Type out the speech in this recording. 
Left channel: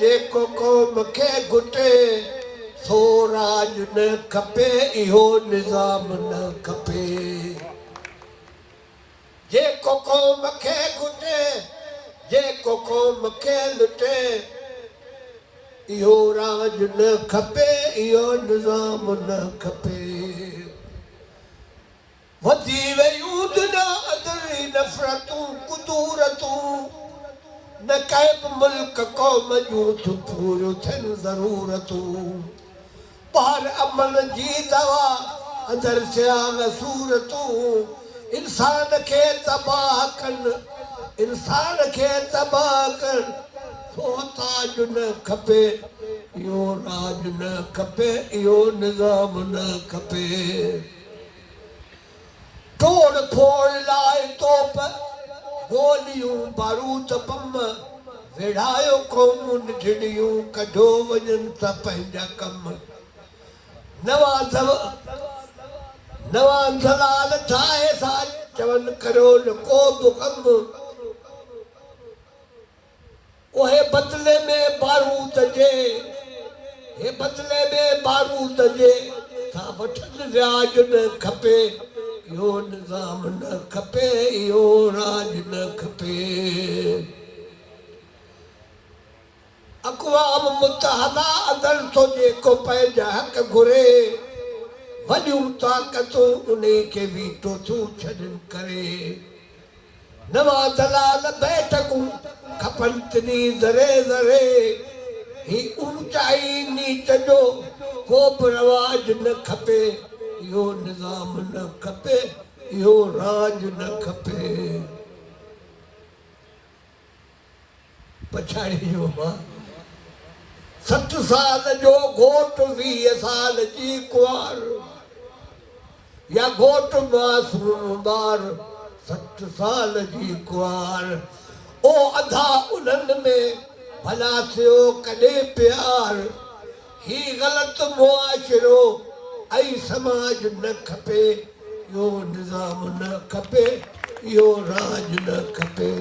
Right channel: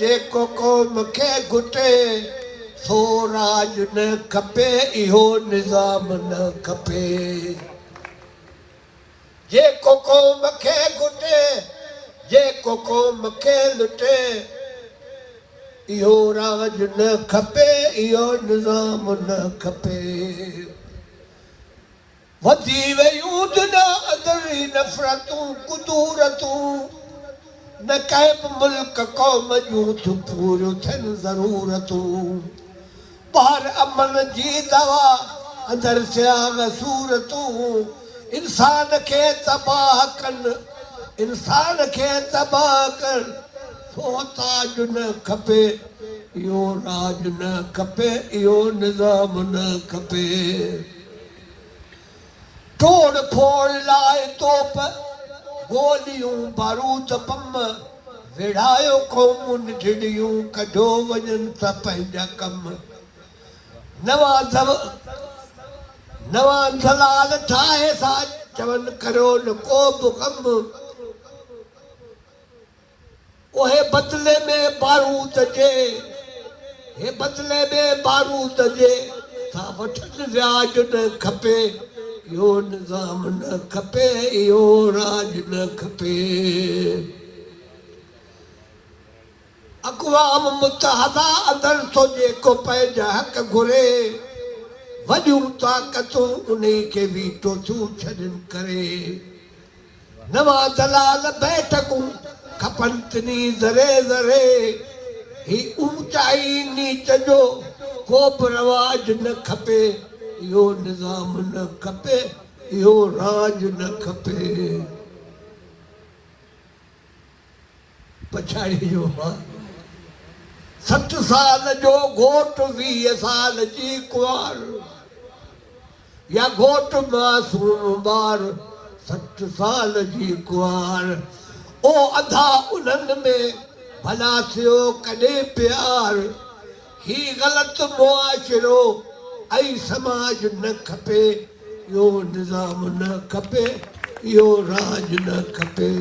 जेको क़ौम खे घुटे सो राज न खपे इहो निज़ाम न खपे जेको क़ौम खे घुटे जेको क़ौम खे लुटे इहो राज न खपे इहो निज़ाम न खपे वधी वयूं दुनिया अंदरि नफ़रतूं कुदूरतूं न कंहिं बि मुल्क क़ौम जूं थियूं पूरियूं थियनि ज़रूरतूं ॿाहिरि अमन जी दवा अंदरि सियाम सूरतूं इंसान खे तबाह कनि इंसान खे तबाह कनि सो ताज न खपे इहो राज न खपे इहो निज़ाम न खपे तोड़ फोड़ लाइ तोप गोलियूं बारूद बम विढ़ायो क़ौमुन ढिढियूं कढो वञनि था पंहिंजा कम नवां जलाल ठाहे सां चवनि करो न को बि कम उहे बदिले में बारूद जे हे बदिले में बारूद जे सा वठनि व्याज न खपे इहो निज़ाम न खपे इहो राज न खपे अक़वाम मुत्तहदा अंदरि थो जेको पंहिंजा हक़ घुरे वॾियूं ताक़तूं उन खे वीटो थियूं छॾनि करे नवां दलाल बैठकूं खपनि तिनी ज़रे ज़रे ही ऊचाई नीच जो को बि रवाज न खपे इहो निज़ाम न खपे इहो राज न खपे पछाड़ी जो 60 साल जो घोट 20 साल जी कुंवार या घोट मासूम ॿार 60 साल जी कुंवार ओ अधा उन्हनि में भला थियो कॾहिं प्यार ही ग़लत मुआशिरो ऐं समाज न खपे इहो निज़ाम न खपे इहो राज न खपे